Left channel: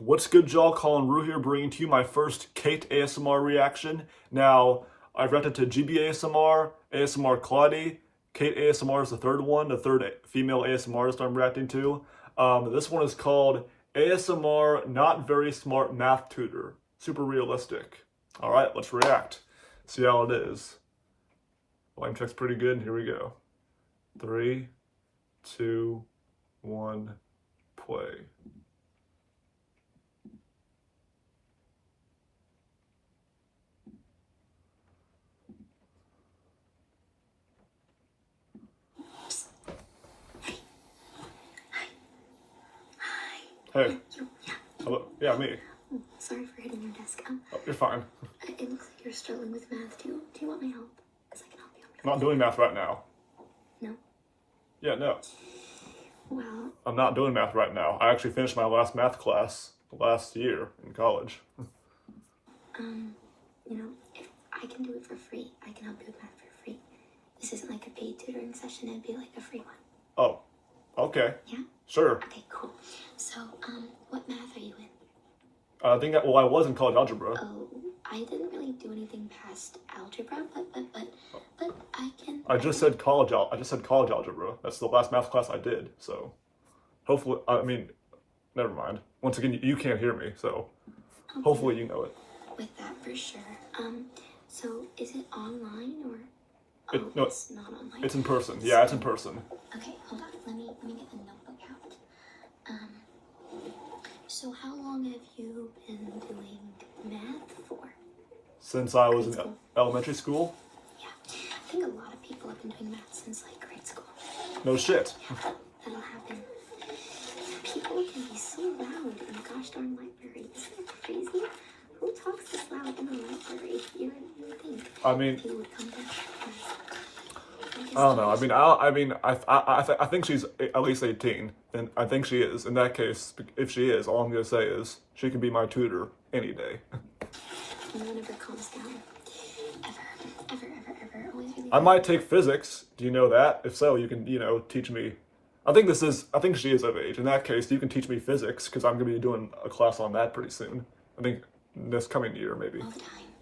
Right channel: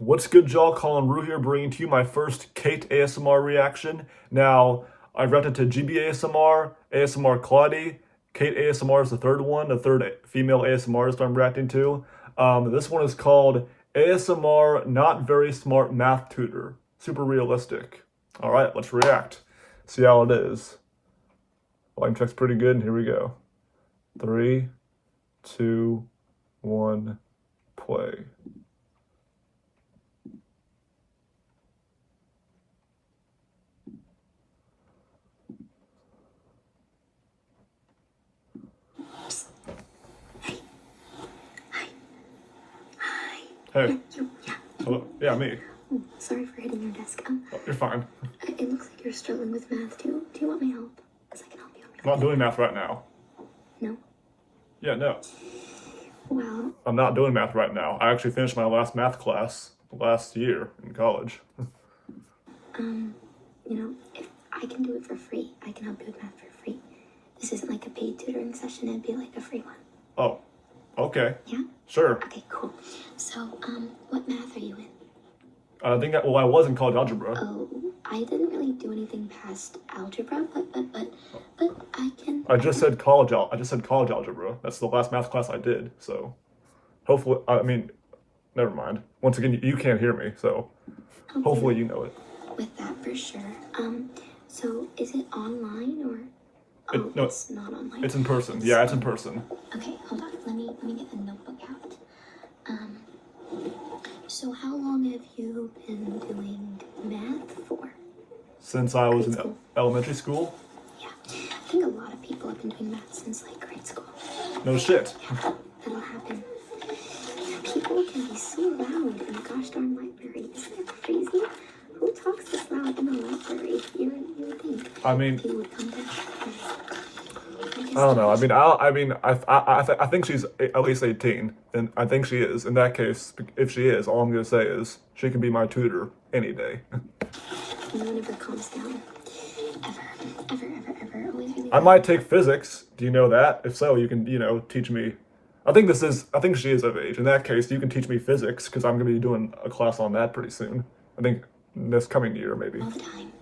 What's good, y'all? Colin Rue here, bringing to you my first Cait ASMR reaction. Now, I reacted to GB ASMR, ASMR Claudie. Cait ASMR is the third one, the third female ASMRist I'm reacting to. This one is called ASMR Not Very Smart Math Tutor. Super realistic. All right, let's react. See how it is. Volume check's pretty good, and here we go. 3, 2, 1, play. Hey. You, yeah. Hello. Yeah, me. Oh, sorry for hitting your desk. Oh, you're fine. It looks like you're struggling with math. Do you want my help? Because I can help you. I'm not doing math right now. No? Yeah, no. Well... I'm not doing math right now. I actually finished my last math class last year in college. You know, if I can do it for free, I can help you with math for free. This isn't like a paid tutoring session. It'd be like a free one. Oh, okay. Yeah? Sure. Okay, cool. So, what math are you in? I was in college algebra. Oh, I didn't really do anything past algebra, but I can... I just said college algebra. That's the last math class I did, so hopefully, never mind. Once again, you can't hear me, so okay. Hopefully you know it. With that for sure. So is it online or... No, it's not online. It's in person. Yeah, it's in person. Okay, hold on. Let me get the notebook out. So how long have you been doing math for? Since I was in elementary school. Yeah, I think a lot of people have been doing math since like grade school. No shit. Yeah, that'll happen. People can be so loud in the gosh darn library. Isn't it crazy? Who talks this loud in the library? You would think. I mean, people would come down. I don't know. I think she's at least 18, and I think she is. In that case, if she is, all I'm gonna say is she can be my tutor any day. No one ever calms down. Ever. Always really. I might take physics. Do you know that? If so, you can, teach me. I think she is of age. In that case, you can teach me physics, because I'm gonna be doing a class on that pretty soon. I think this coming year, maybe. All the time.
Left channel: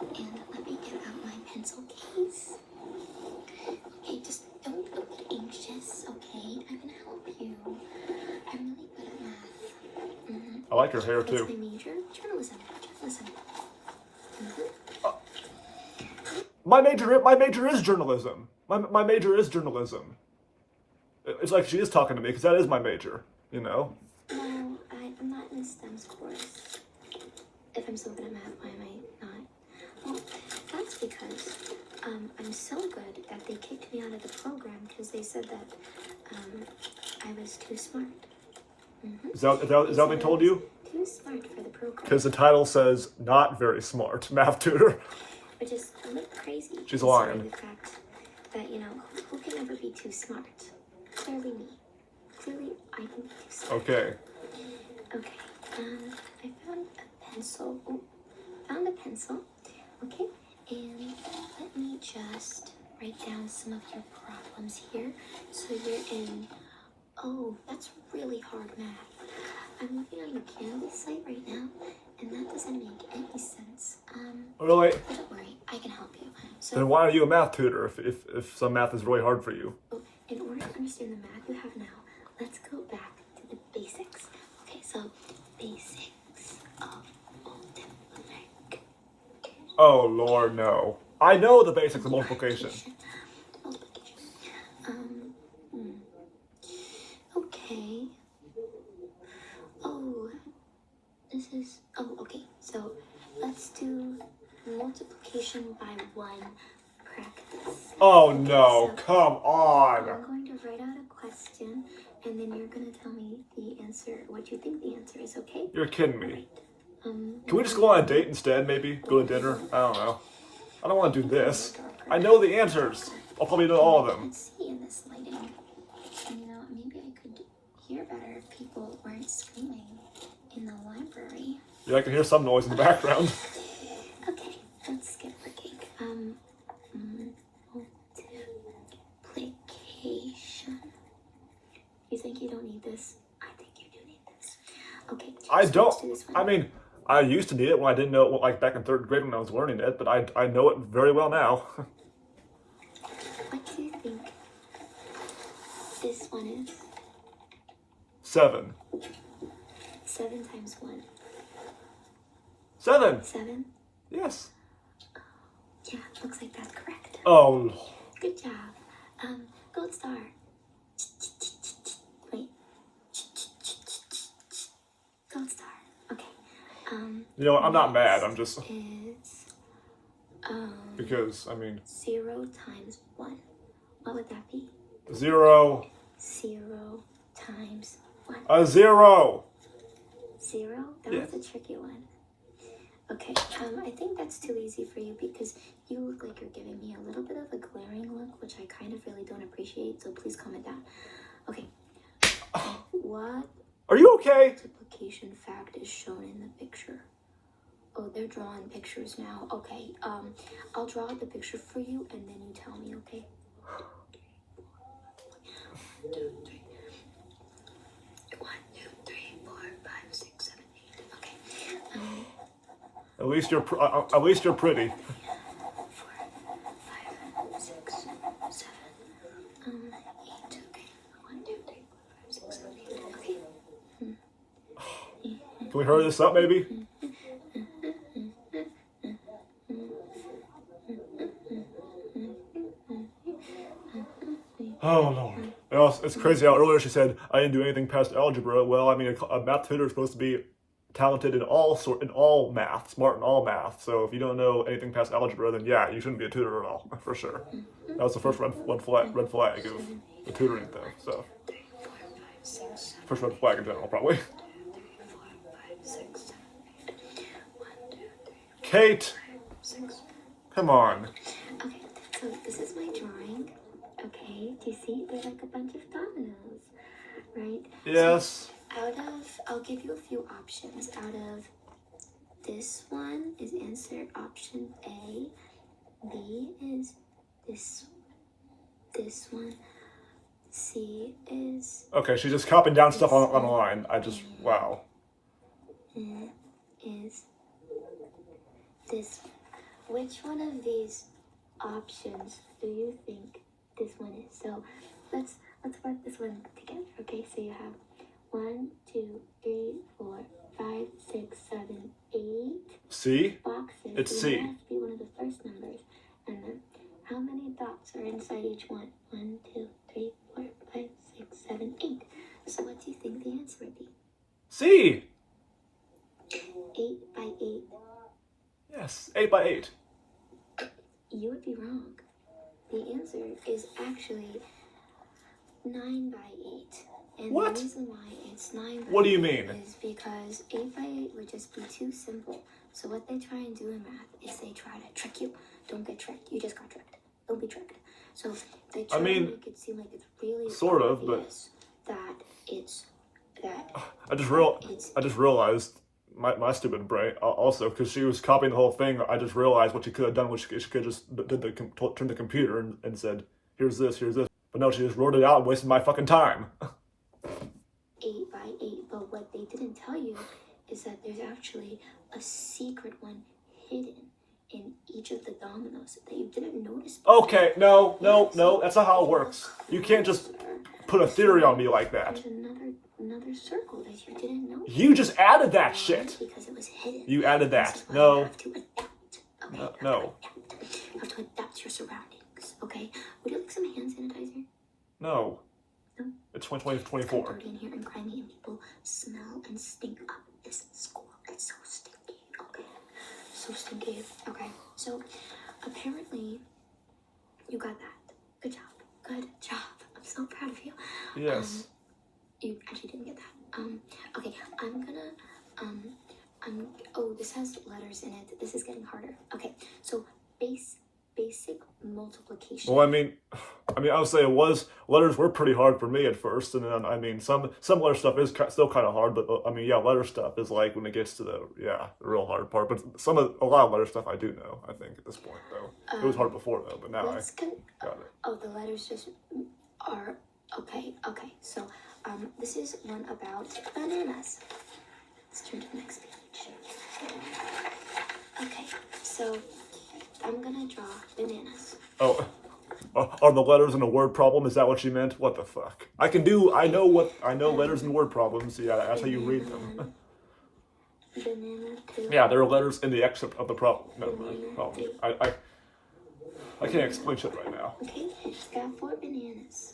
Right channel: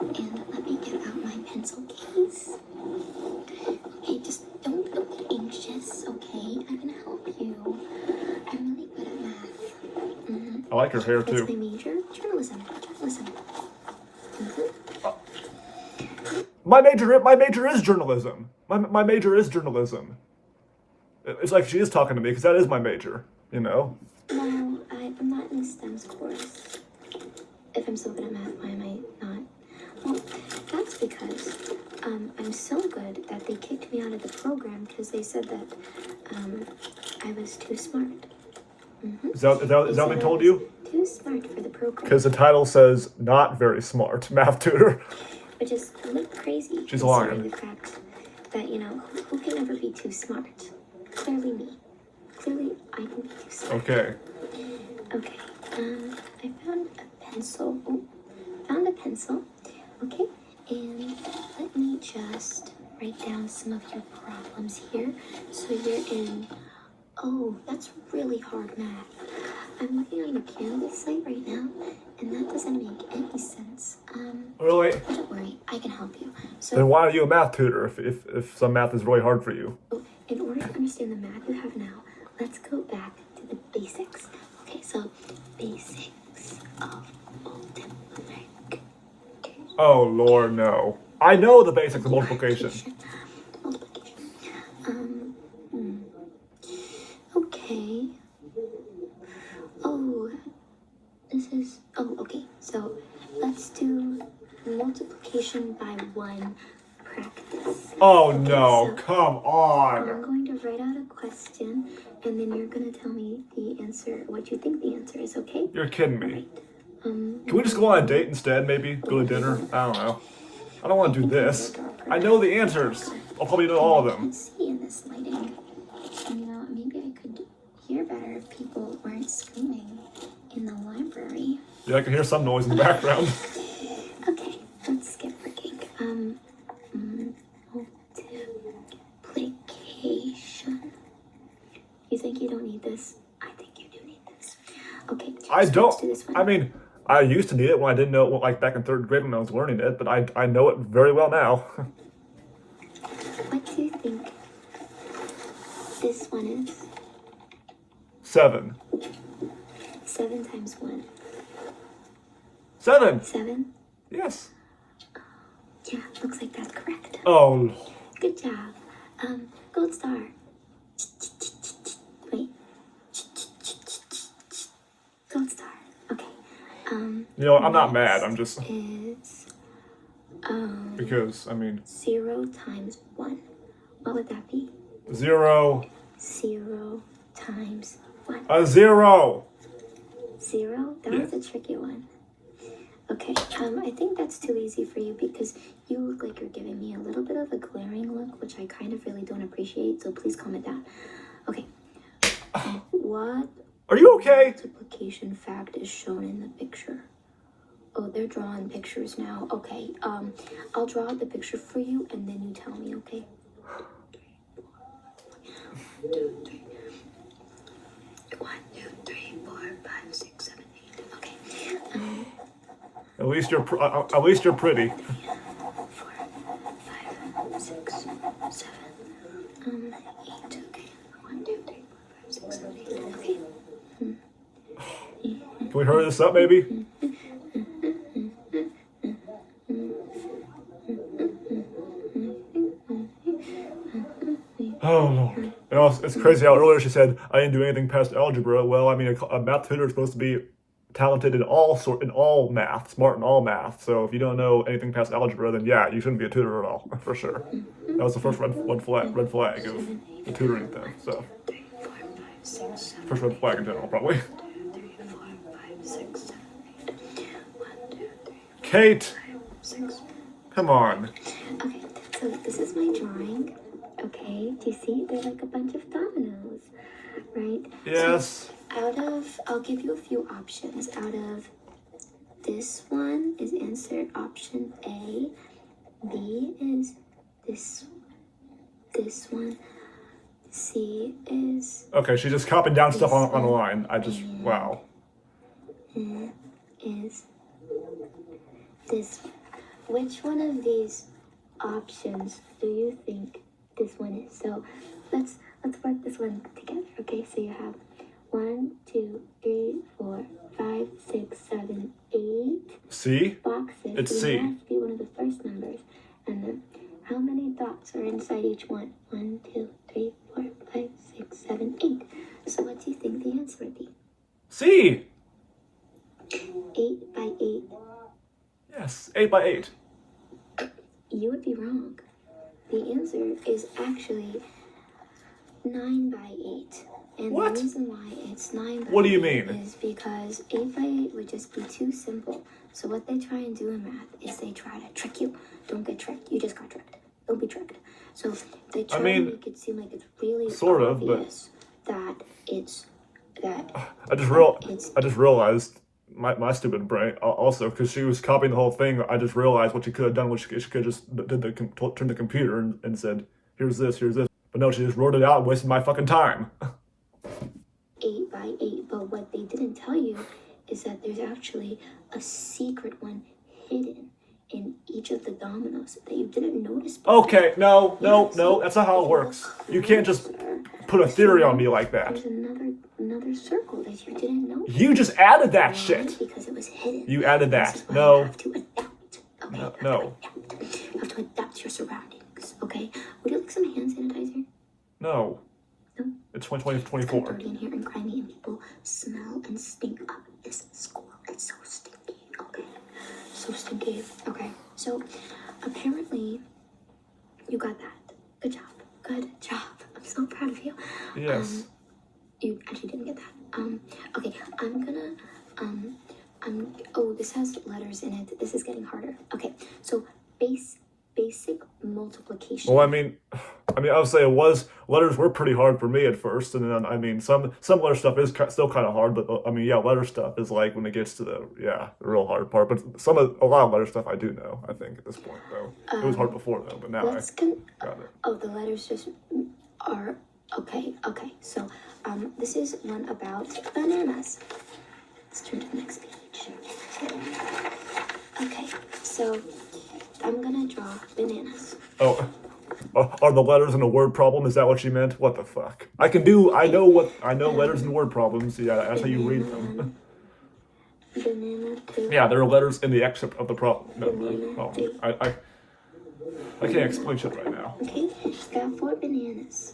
And let me get out my pencil case. Okay, just don't get anxious, okay? I can help you. I'm really good at math. I like your hair too. What's my major? Journalism. My major is journalism. My major is journalism. It's like she is talking to me, because that is my major, No, I'm not in a STEMS course. If I'm so good at math, why am I not? Well, that's because I'm so good that they kicked me out of the program because they said that I was too smart. Is that what they told you? Too smart for the program. Because the title says not very smart math tutor. Which is a little crazy. She's lying. The fact that, who can ever be too smart? Clearly me. Clearly I can be too smart. Okay. Okay, I found a pencil. Oh, found a pencil. Okay, and let me just write down some of your problems here. So you're in, oh, that's really hard math. I'm looking on the Canvas site right now, and that doesn't make any sense. Really? But don't worry, I can help you. So, Then why are you a math tutor if some math is really hard for you? in order to understand the math you have now, let's go back to the basics. Okay, so basics of multiplication. Oh Lord, no. I know the basics of multiplication. Okay. Okay. So let's do multiplication by 1 practice. Oh no, so come on. I'm going to write out a question, and then you're going to tell me the answer, what you think the answer is, okay? You're kidding me. Right. Can we just go on a date instead, maybe? Go to dinner? I don't know. I don't want to do this. I know the answers. I'll probably know all of them. Let's see in this lighting. Maybe I could hear better if people weren't screaming in the library. Yeah, I can hear some noise in the background. Okay, let's get working. Multiplication. You think you don't need this? I think you do need this. Okay, I So don't. let's do this one. I mean, I used to need it when I didn't know it, like back in third grade when I was learning it, but I know it very well now. What do you think this one is? 7. 7 times 1. 7. 7? Yes. Yeah, looks like that's correct. Oh. Good job. Gold star. Wait. Gold star. Okay. You know, I'm not mad. I'm just It's because I mean 0 times 1. What would that be? 0. 0 times 1. A 0. 0? That Yeah. was a tricky one. Okay, I think that's too easy for you because you look like you're giving me a little bit of a glaring look, which I kind of really don't appreciate, so please calm it down. Okay. What Are you okay? multiplication fact is shown in the picture? Oh, they're drawing pictures now. Okay, I'll draw the picture for you and then you tell me, okay? 1, 2, 3. 1, 2, 3, 4, 5, 6, 7, 8. Okay. At least you're pretty. 4, 5, 6, 7, 8. Okay. 1, 2, 3, 4, 5, 6, 7, 8. Okay. Can we hurry this up, maybe? Oh Lord. You know, it's crazy how earlier she said I didn't do anything past algebra. Well, I mean, a math tutor is supposed to be talented in all math, smart in all math. So if you don't know anything past algebra, then yeah, you shouldn't be a tutor at all, for sure. That was the first red flag of the tutoring thing. So first red flag in general, probably. 3, 4, 5, 6, 7, 8. 1, 2, 3, Cait, 6. come on. Okay, so this is my drawing. Okay, do you see? They're like a bunch of dominoes, right? Yes. So I'll give you a few options. Out of this one is answer option A. B is this one. C is Okay, she's just copying down stuff on the line. Wow. is this one. Which one of these options do you think this one is? So let's work this one together. Okay, so you have 1, 2, 3, 4, 5, 6, 7, 8 C? boxes. It's So C. it has to be one of the first numbers. And then how many dots are inside each one? 1, 2, 3, 4, 5, 6, 7, 8. So what do you think the answer would be? C. 8 by 8. Yes, 8 by 8. You would be wrong. The answer is actually 9 by 8. And What? the reason why it's 9 by What do you 8 mean? is because 8 by 8 would just be too simple. So what they try and do in math is they try to trick you. Don't get tricked. You just got tricked. Don't be tricked. So they try I mean, to make it seem like it's really sort of, but obvious that it's that I just realized my stupid brain also because she was copying the whole thing. I just realized what she could have done. What she could have just turned the computer and said, "Here's this, here's this." But no, she just wrote it out and wasted my fucking time. 8 by 8. But what they didn't tell you is that there's actually a secret one hidden in each of the dominoes that you didn't notice before. Okay, no, that's not how it works. You can't just put a theory on me like that. There's another circle that you didn't know. You just added that shit. Because it was hidden. You added that. This is why No. You have to adapt. Okay? No. You have to adapt your surroundings. Okay? Would you like some hand sanitizer? No. No. It's 2024. Dirty in here and grimy, and people smell and stink up this school. It's so stinky. Okay? So stinky. Okay. So apparently you got that. Good job. Good job. I'm so proud of you. Yes. You actually didn't get that. Okay, I'm gonna, oh, this has letters in it. This is getting harder. Okay, so basic multiplication. Well, I mean, I would say letters were pretty hard for me at first, and then I mean, some letter stuff is still kind of hard, but I mean, yeah, letter stuff is like when it gets to the real hard part. But a lot of letter stuff I do know. I think at this point though, it was hard before though, but now I got it. Oh, the letters just are okay. Okay, so this is one about bananas. Let's turn to the next page. Okay, so I'm gonna draw bananas. Oh, are the letters in a word problem? Is that what you meant? What the fuck? I know letters and word problems. Yeah, that's how you read them. Banana 2. Yeah, there are letters in the excerpt of the problem. Never mind. Oh, I can't explain shit right now. Okay, got 4 bananas.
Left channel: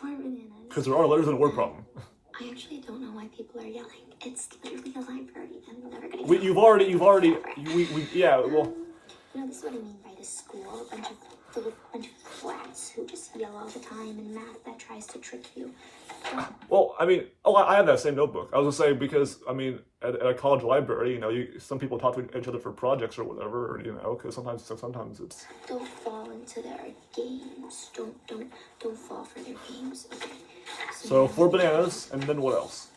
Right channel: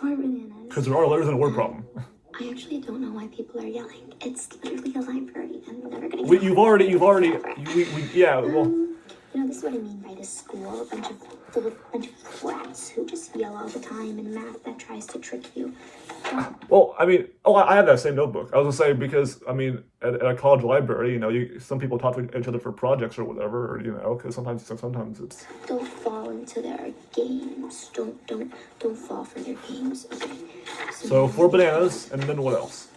4 bananas. Because there are letters in a word problem. I actually don't know why people are yelling. It's literally a library, and we're never gonna. You've already, yeah. Well, you know, this is what I mean by the school. A bunch of brats who just yell all the time, and math that tries to trick you. well, I mean, I have that same notebook. I was gonna say because I mean, at a college library, you know, some people talk to each other for projects or whatever, or, you know, because sometimes it's. Don't fall into their games. Don't fall for their games. Okay. So 4 bananas, and then what else?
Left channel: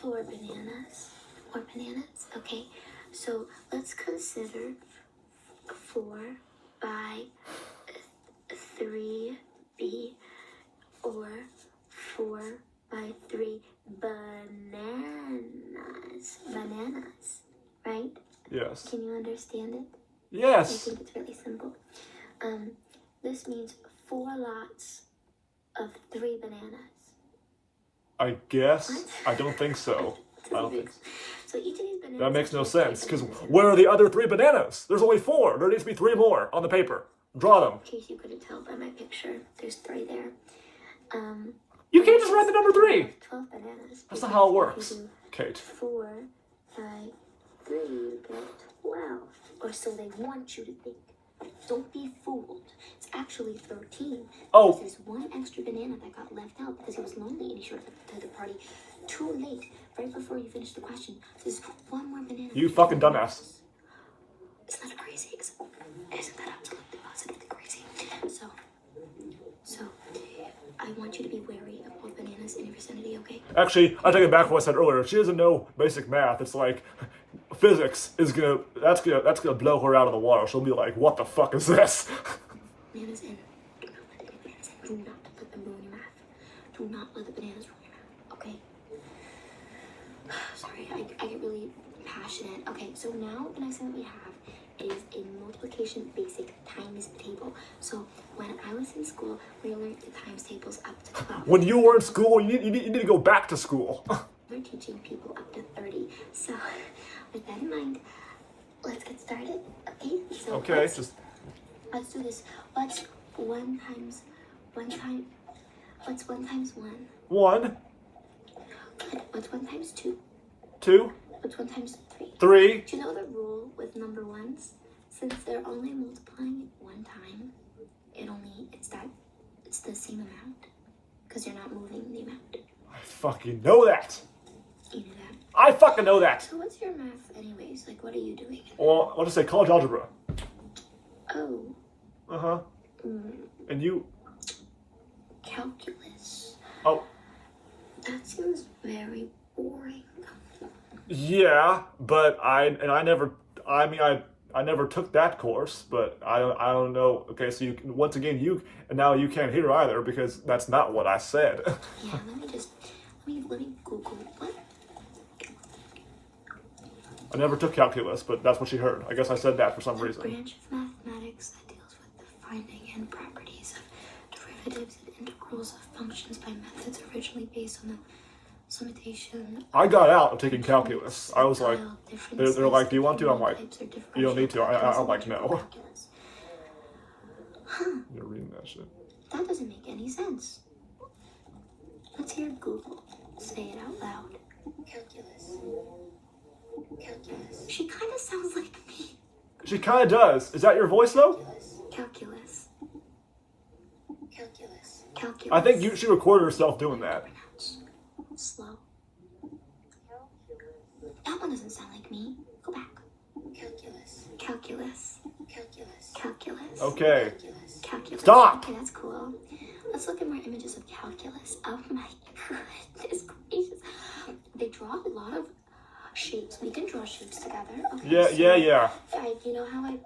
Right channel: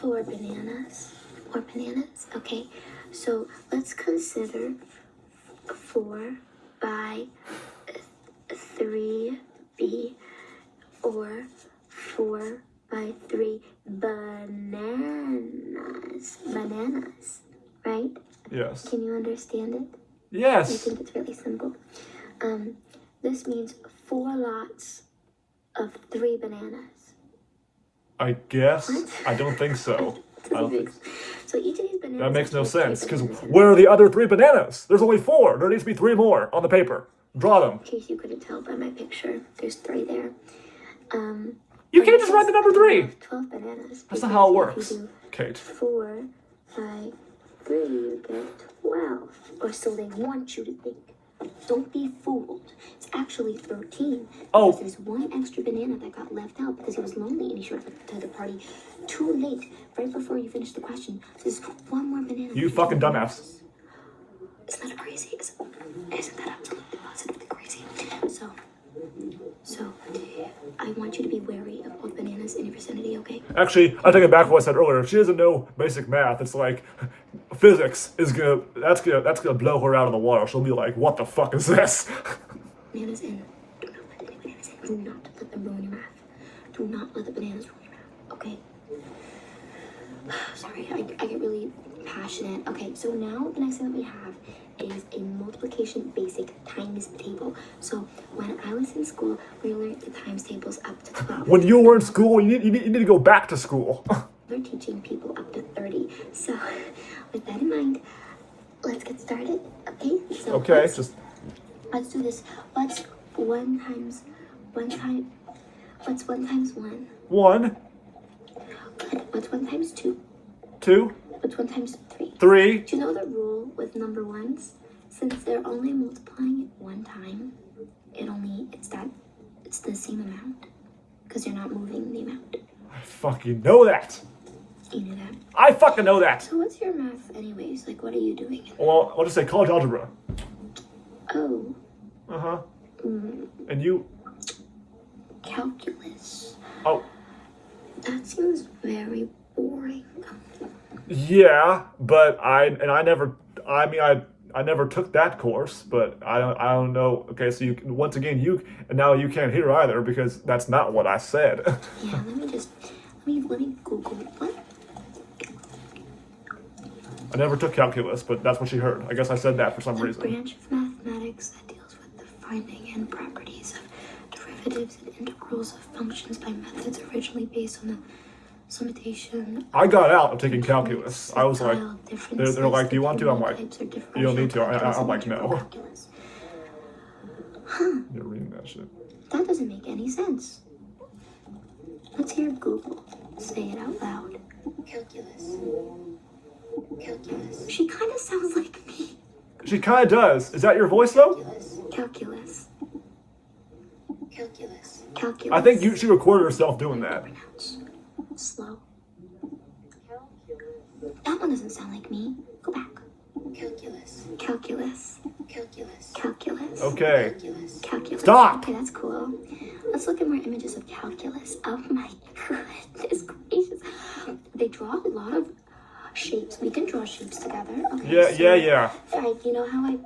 4 bananas. 4 bananas. Okay. So let's consider 4 by 3b, or 4 by 3 bananas. Bananas, right? Yes. Can you understand it? I Yes. think it's really simple. This means 4 lots of 3 bananas. I guess. I don't think so. I don't think so. So each of these bananas. That makes no sense. Because where are the other 3 bananas? There's only 4. There needs to be 3 more on the paper. Draw them. In case you couldn't tell by my picture, there's 3 there. You can't just write the number 3. 12 bananas. That's not how it If works, you do Cait. 4 by 3, you get 12. Or so they want you to think. Don't be fooled. It's actually 13. Oh. Because there's 1 extra banana that got left out because he was lonely and he showed up to the party too late, right before you finished the question. So there's 1 more banana. You fucking dumbass. Isn't that crazy? Isn't that absolutely positively crazy? So, I want you to be wary of both bananas in your vicinity, okay? Actually, I take it back what I said earlier. If she doesn't know basic math, it's like physics is that's gonna blow her out of the water. She'll be like, "What the fuck is this?" Bananas in. Do not let any bananas in. Do not let them ruin your math. Do not let the bananas ruin your math, okay? Sorry, I get really passionate. Okay, so now the next thing that we have is a multiplication basic times table. So when I was in school, we learned the times tables up to 12. When you were in school, you need to go back to school. We're teaching people up to 30. So with that in mind, let's get started. Okay? So Okay, let's do this. What's 1 times 1? What's 1 times 1? 1, What's 1 times 2? 2, What's 1 times 3? 3. Do you know the rule with number ones? Since they're only multiplying it 1 time, it's the same amount. Because you're not moving the amount. I fucking know that. You know that? I fucking know that. So what's your math anyways? Like, what are you doing? Well, I'll just say college algebra. Oh. Uh-huh. And you? Calculus. Oh. That seems very boring. Yeah, but I never took that course, but I don't know. Okay, so once again and now you can't hear either because that's not what I said. Yeah, let me Google what? I never took calculus, but that's what she heard. I guess I said that for some A reason. branch of mathematics that deals with the finding and properties of derivatives and integrals of functions by methods originally based on the summation. I got out of taking calculus. I was like, they're like, do you want to? I'm like, you don't need to. I'm like, no. You're reading that shit. That doesn't make any sense. Let's hear Google say it out loud. Calculus. She kind of sounds like me. She kind of does. Is that your voice though? Calculus. I think she recorded herself doing that. Slow. That one doesn't sound like me. Go back. Calculus. Okay. Calculus. Stop. Okay, that's cool. Let's look at more images of calculus. Oh my goodness gracious. They draw a lot of shapes. We can draw shapes together. Okay, Yeah. Like, you know how I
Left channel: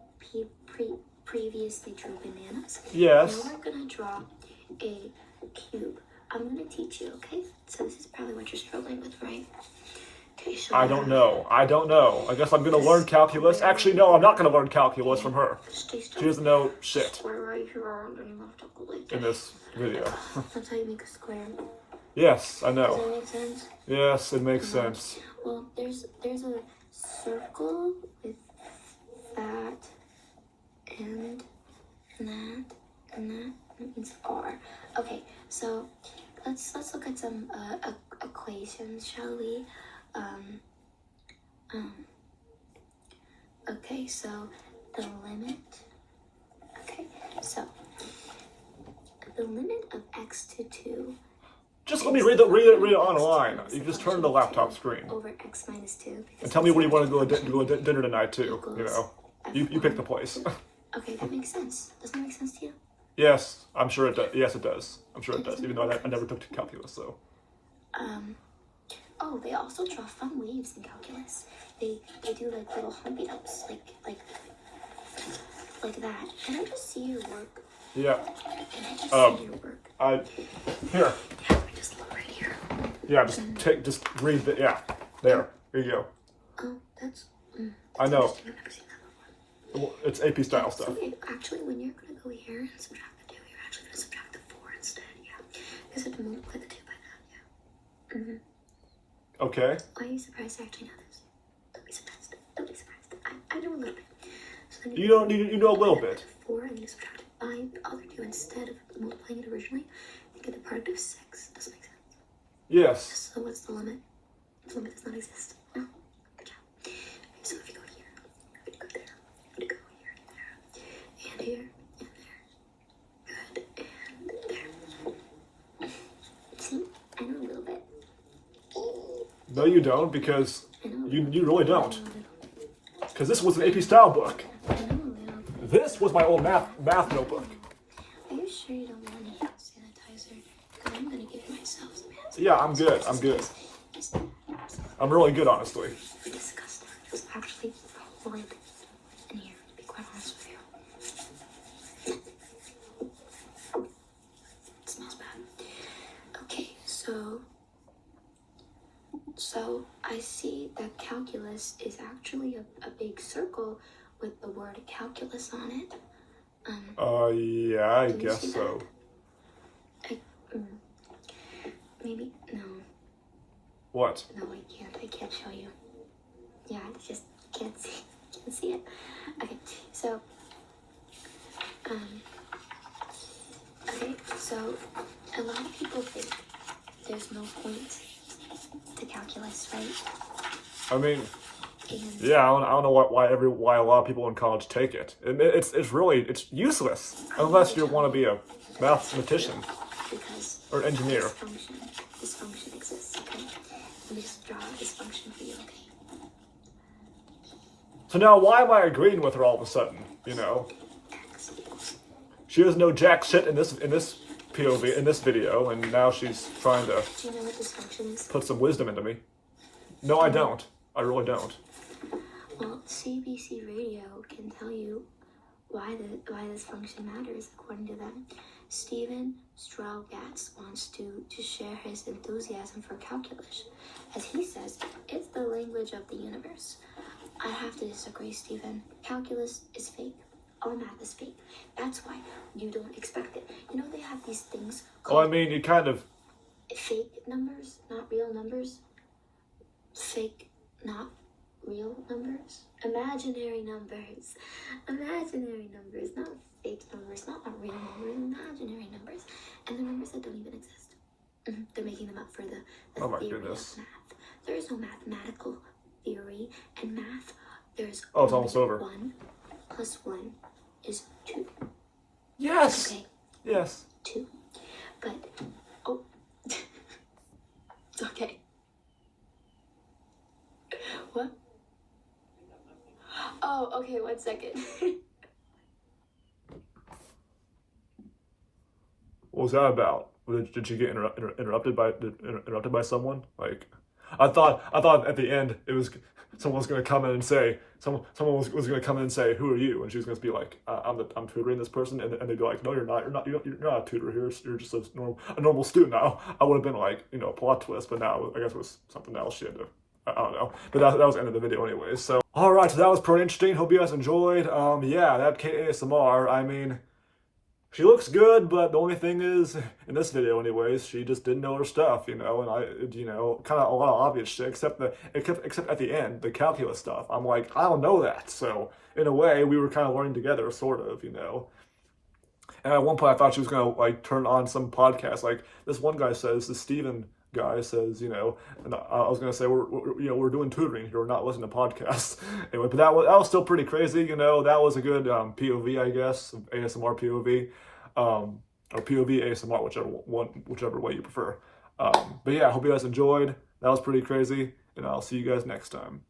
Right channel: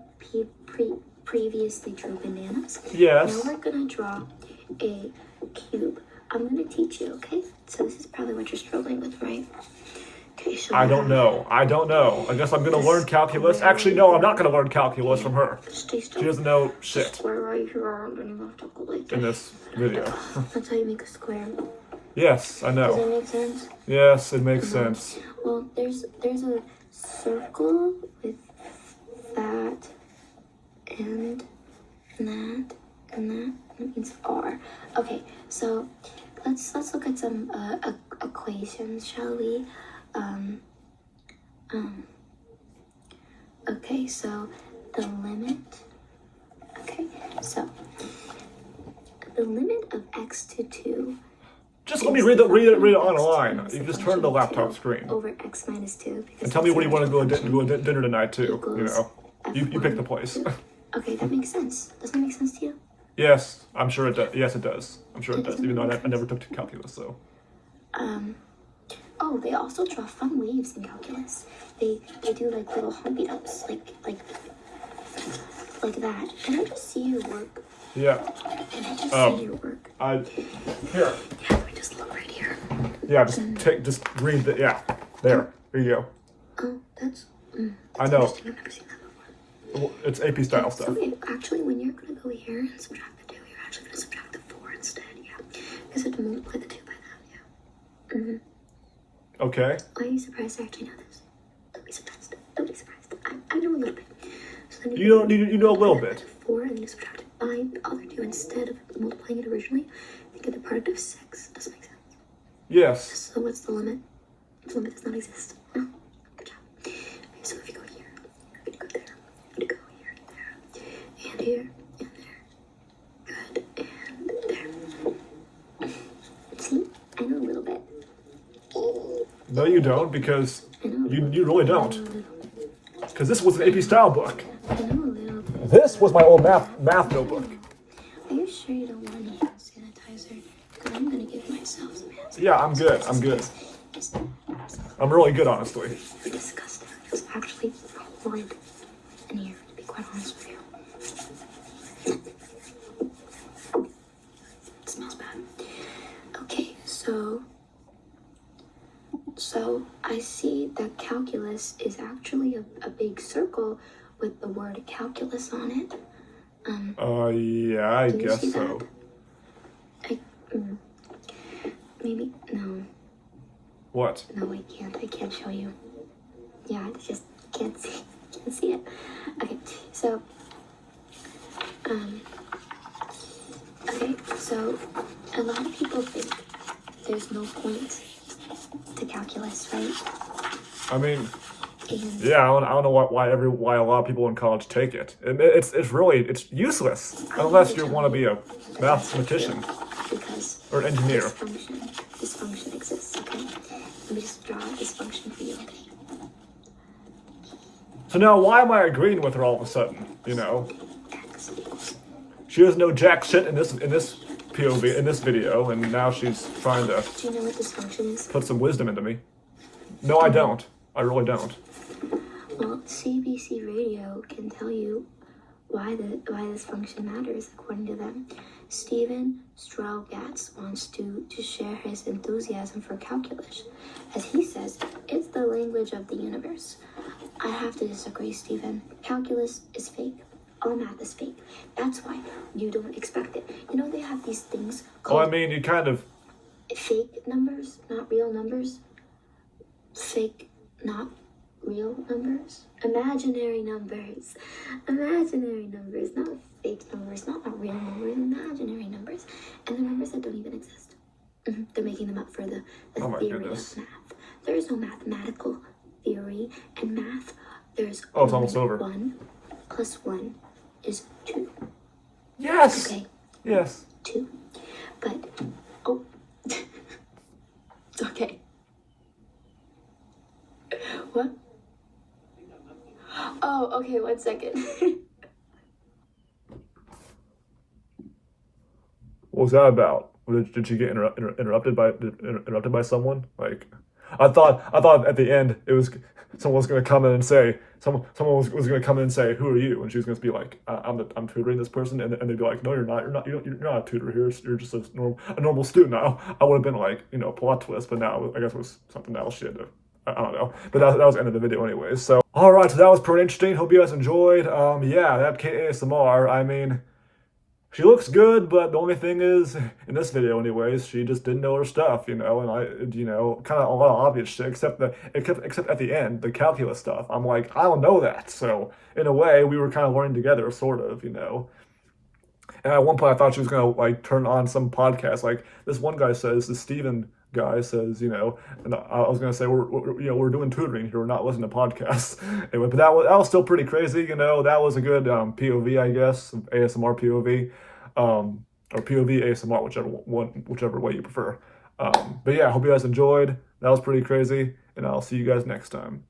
previously drew bananas? Yes. Now we're going to draw a cube. I'm going to teach you, okay? So this is probably what you're struggling with, right? show I you don't how. know. I don't know. I guess I'm gonna learn calculus. Actually, no, I'm not gonna learn calculus from her. Stay still. She doesn't know shit Square right here, then you have to go like in this. this video. That's how you make a square. Yes, I Does know. that make sense? Yes, it makes sense. Well, there's a circle with that and that and that. That means R. Okay, so let's look at some equations, shall we? Okay, so the limit. Okay, so the limit of x to 2. Just let me read it online. You just turn the laptop screen Over x minus 2. and tell me where you want to go to dinner tonight too. You know, you pick the place. Okay, that makes sense. Doesn't that make sense to you? Yes, I'm sure it does. Yes, it does. I'm sure it does. Even though I never took calculus, so. Oh, they also draw fun waves in calculus. They do like little humpy ups, like that. Can I just see your work? Yeah. Can I just see your work? Here. Yeah, let me just look right here. Yeah, just read the, yeah. There you go. Oh, that's I know. interesting. I've never seen that before. Well, it's AP style stuff. So actually, when you're gonna go here and subtract the 2, you're actually gonna subtract the 4 instead. Yeah, because you have to multiply the 2 by that. Yeah. Okay. Why are you surprised? I actually know this. Don't be surprised. Don't be surprised. I know a little bit. So then You know a little bit. 4 and then you subtract it by the other 2 instead of multiplying it originally. You get the product of 6. Does it make sense? Yes. So what's the limit? The limit does not exist. No. Good job. Okay, so if you go here, you're gonna go there. You're gonna go here and there. And here and there. Good. And there. See? I know a little bit. No, you don't, because I know. you really don't. Because this was an AP style book. I know a little bit. This was my old math notebook. Are you sure you don't want any hand sanitizer? Because I'm gonna give myself some hand sanitizer. Yeah, I'm good. I'm good. I'm really good, honestly. It's disgusting. It was actually horrid in here, to be quite honest with you. It smells bad. Okay, so I see that calculus is actually a big circle with the word calculus on it. Yeah, I Do you guess see so. that? Maybe, no. What? No, I can't show you. Yeah, I just can't see it. Okay, so, a lot of people think there's no point to calculus, right? I mean, And yeah, I don't know why a lot of people in college take it. It's really useless unless you want to be a mathematician because or an engineer. this function exists, okay? Let me just draw this function for you, okay? So now, why am I agreeing with her all of a sudden? You know, X. she doesn't know jack shit in this POV in this video, and now she's trying to Do you know what this function is? put some wisdom into me. No, I don't. I really don't. Well, CBC Radio can tell you why this function matters according to them. Stephen Strogatz wants to share his enthusiasm for calculus. As he says, it's the language of the universe. I have to disagree, Stephen. Calculus is fake. All math is fake. That's why you don't expect it. You know they have these things Well, I called mean, you kind of. fake numbers, not real numbers. Fake, not real numbers. Imaginary numbers. Imaginary numbers, not fake numbers, not real numbers, imaginary numbers. And the numbers that don't even exist. They're making them up for the Oh my theory goodness. of math. There is no mathematical theory and math. There's Oh, it's almost over. 1 plus 1 is 2. Yes. Okay, Yes. 2. But, oh. Okay. What? Oh, okay, 1 second. What was that about? Did she get interrupted by someone? Like, I thought at the end it was someone was gonna come in and say someone was gonna come in and say, who are you? And she was gonna be like, I'm tutoring this person, and they'd be like, no, you're not a tutor here. You're just a normal student. I would have been like, plot twist, but now I guess it was something else. She had to I don't know. But that was the end of the video anyways. So, all right, so that was pretty interesting. Hope you guys enjoyed. Yeah, that Cait ASMR, I mean, she looks good, but the only thing is, in this video anyways, she just didn't know her stuff, and kind of a lot of obvious shit, except at the end, the calculus stuff. I'm like, I don't know that. So, in a way, we were kind of learning together, sort of. And at one point, I thought she was gonna like turn on some podcast. Like this one guy says, this Steven guy says, and I was gonna say we're doing tutoring here, we're not listening to podcasts. Anyway, but that was still pretty crazy. That was a good POV, I guess, ASMR POV, or POV ASMR, whichever way you prefer. But yeah, I hope you guys enjoyed. That was pretty crazy, and I'll see you guys next time.